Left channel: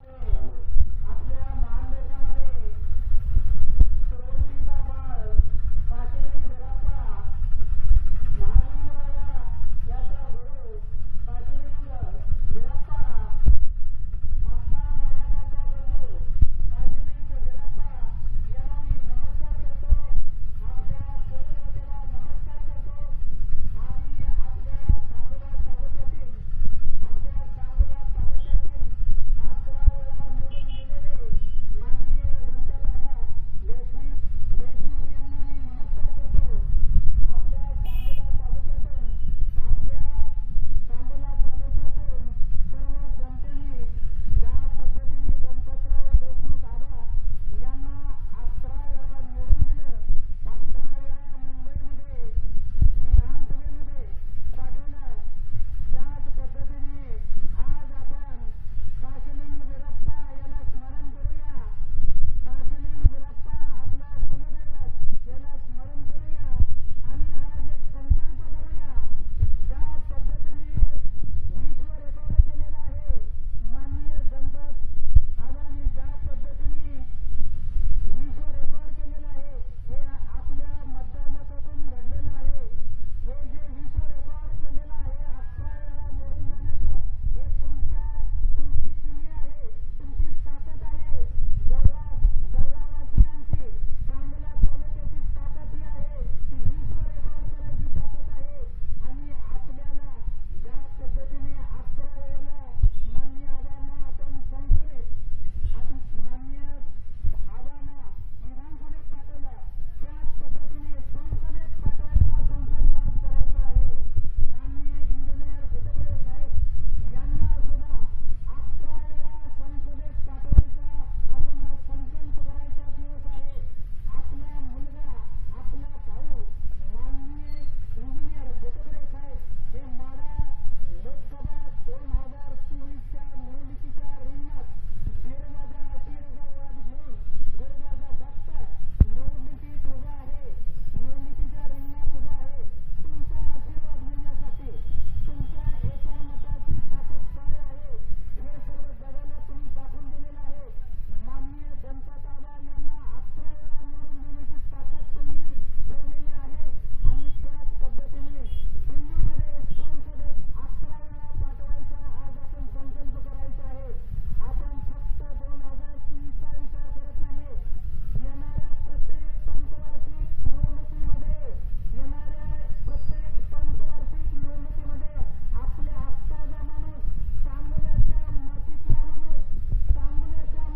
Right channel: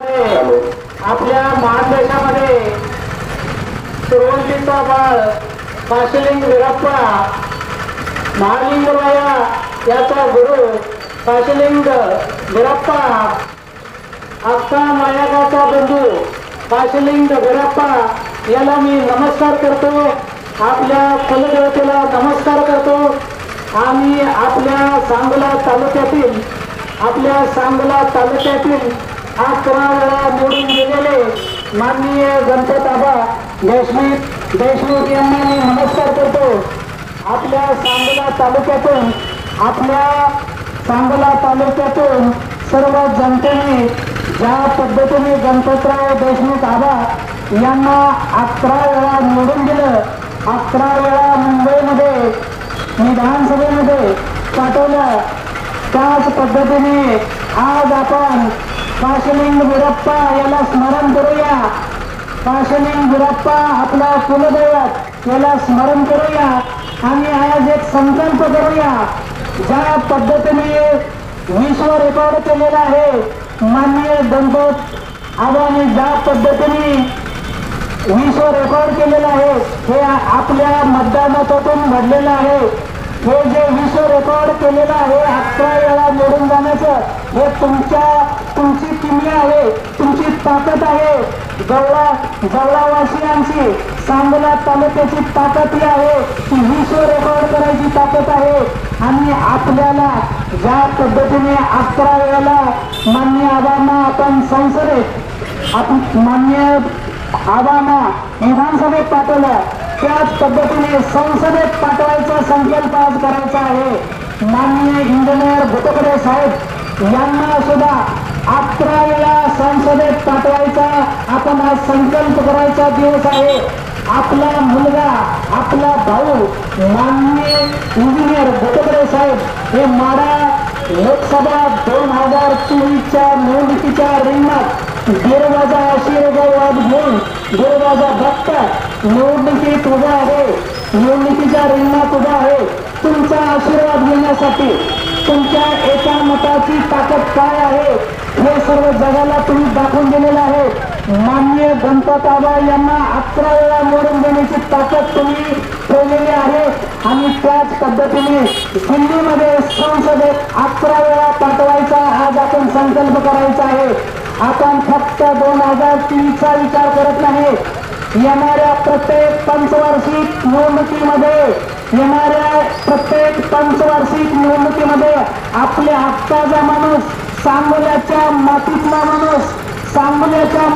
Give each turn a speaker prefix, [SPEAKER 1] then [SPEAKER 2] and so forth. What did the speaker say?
[SPEAKER 1] आपल्या महादेशामध्ये सुरुवातीचा बाळ काशीलिंग विरप्पा महालिंगराया याचा गुरु काशीलिंग विरप्पा अक्का नायकाचा बंधू काशीलिंग विरप्पा याला मी नमस्कार करतो आपल्या कुलदेवतेला नमस्कार करतो. आणि आपल्या सांगोला तालुक्यातील आपल्या सांगला तालुक्यातील अकरा वेळा निवडून गेलेले माननीय गणपत आबा देशमुख देशमुख यांना मी नमस्कार करतो. आपल्या सांगला तालुक्यातून आपल्या सांगला तालुक्यातून सर्व जनतेने ज्या पद्धतीने गणपतराव देशमुख आबा यांना अकरा वेळा निवडून दिलं अकरा वेळा मुंबईमध्ये विधानसभेमध्ये पाठवलं त्याच पद्धतीने आज आपण काशलिंग गुरप्पा याला स्मरण करूया. काशलिंग गुरप्पा आपला कुलदैवत याला स्मरण करूया. आणि आज एक संकल्प करूया. ज्या पद्धतीने विश्व रेकॉर्ड केलेला आहे माननीय दंपत आबाने ज्या पद्धतीने विश्व रेकॉर्ड केलेलं आहे हे आपल्या मतदानातून घडलेलं आहे. हे जे विश्व रेकॉर्ड केलेलं आहे अकरा वेळा मोडून जाण्याचं हे तुमच्या तुमची किमया आहे तुमची ताकद आहे. गवळा गवळावासियांची सांगोला तालुक्याची ताकद ही आहे की विश्व रेकॉर्ड करायची ताकद आहे. आणि आपल्याला ज्या पद्धतीने अकरा वेळेला मान्य आबांना आपण संसदेत आपण मान्य आबांना विधानसभेत पाठवलं त्याच पद्धतीने संसदेत पाठवायचा संकल्प आज करायचा आहे. माननीय इंजिनियर भुतकडे साहेब यांना सुद्धा अकरा वेळा संसदेत पाठवायचा आपण आज संकल्प करायचा दिवस आहे. आपला मुलगा आपला भाऊ माननीय इंजिनियर भुतकडे साहेब हे माडा लोकसभा दोन हजार चोवीसच्या निवडणुकीच्या रिंगणात गिरवाजा आशीर्वाद घेऊन गिरवाजा भक्त निवडणुकीत उभा आहे. निवडणुकीच्या रिंगणात उभा आहे. तुमचा आशीर्वाद घेण्यासाठी तुमच्या एका मताची ताकद काय आहे? हे सर्व जगाला तुम्ही दाखवून दिलेलं आहे. मान्य गणपताबा यांना अकरा वेळा मोडून देण्याची ताकद तुम्ही ठेवलेली आहे. आणि त्याच पद्धतीने दिल्लीमध्ये संसदेत अकरा वेळा पाठवायचा आज आपण संकल्प करायचा आहे. आपण फक्त दोन हजार तीनचा विचार करत नाही. येणाऱ्या प्रत्येक पंचवार्षिक निवडणुकीमध्ये येणाऱ्या प्रत्येक पंचवार्षिक निवडणुकीमध्ये आपल्या हक्काचा माणूस सांगोल्याच्या मातीतला माणूस सांगोल्याच्या